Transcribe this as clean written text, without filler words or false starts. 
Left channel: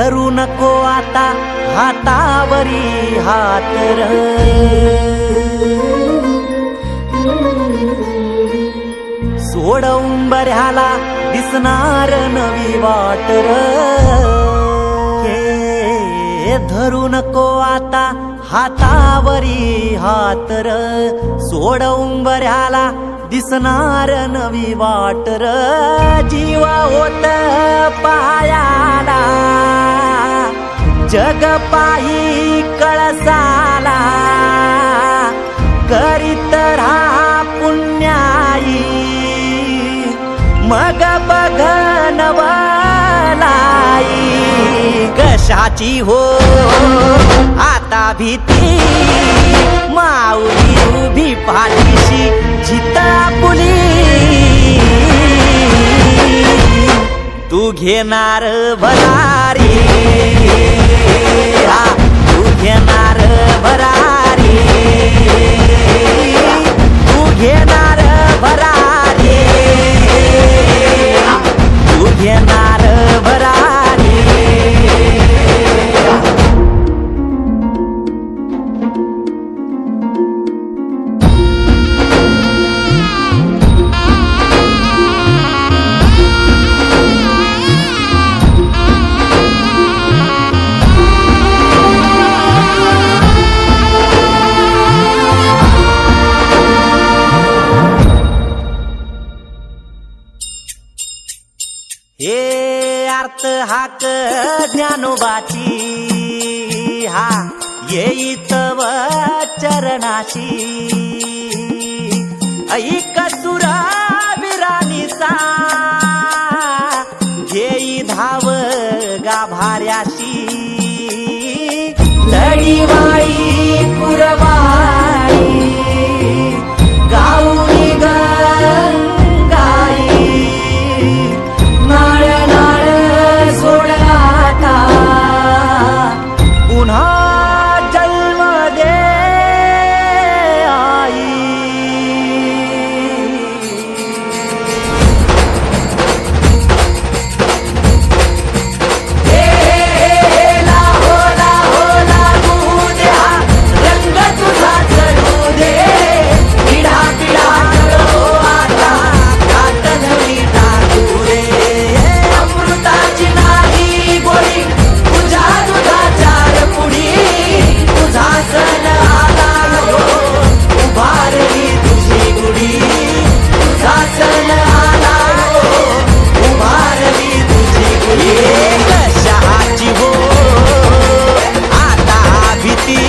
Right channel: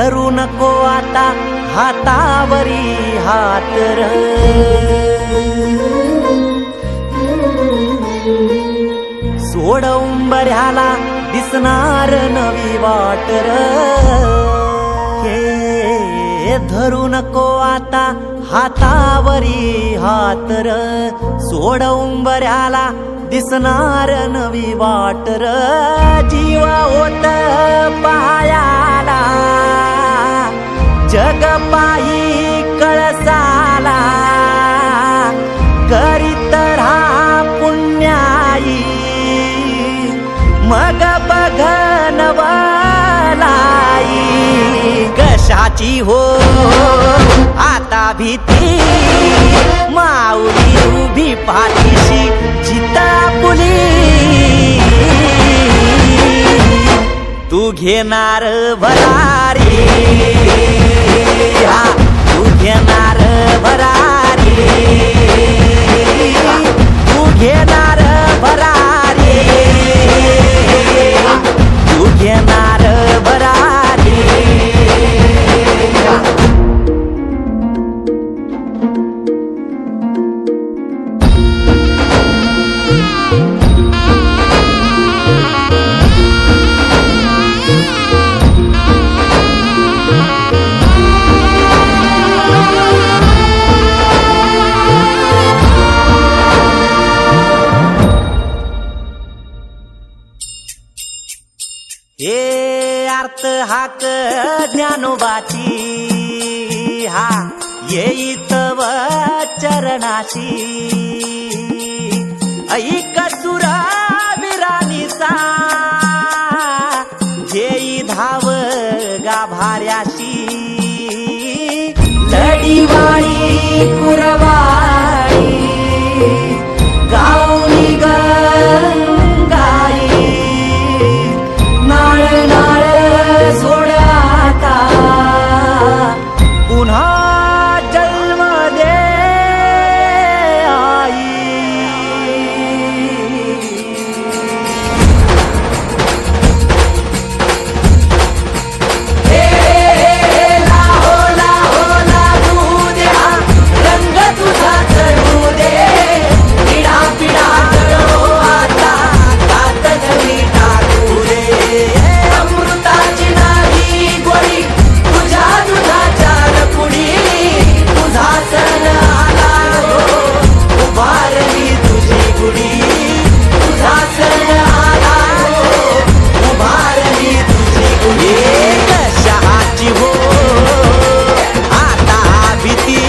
धरू नको आता हातावरी हात र, सोड उंबऱ्याला दिसणार नवी वाट र, हे धरू नको आता हातावरी हात र, सोड उंबऱ्याला दिसणार नवी वाट र, जीवा होत पायाला जग पायी कळसाला, करीत राहा पुण्याई मग बघ नवलाई, कशाची हो आता भीती माऊली उभी पाठीशी जित आपुली, तू घेणार भरारी, हा तू घेणार भरारी, तू घेणार भरारी, तू घेणार भरारी. हे अर्थ हाक ज्ञानोबाची, हा येईत व चरणाशी, ऐक सुरा विराणीचा घेई धाव गाभाऱ्याशी, लढीवाळी कुरवाळी गाऊनी गंगाई, नाळ नाळ सोड आता पुन्हा जन्म दे आई. हे लाहो लाहो लागू दे, रंग तुझा चढू दे, पिढा पिढा हो आता कात धुळी टाकू दे, अमृताची नाही गोळी तुझ्या दुधाचार पुढी, तुझा सण आला यो उभारली तुझी गुढी, तुझा सण आला यो उभारली तुझी गुढी, कशाची हो आता भीती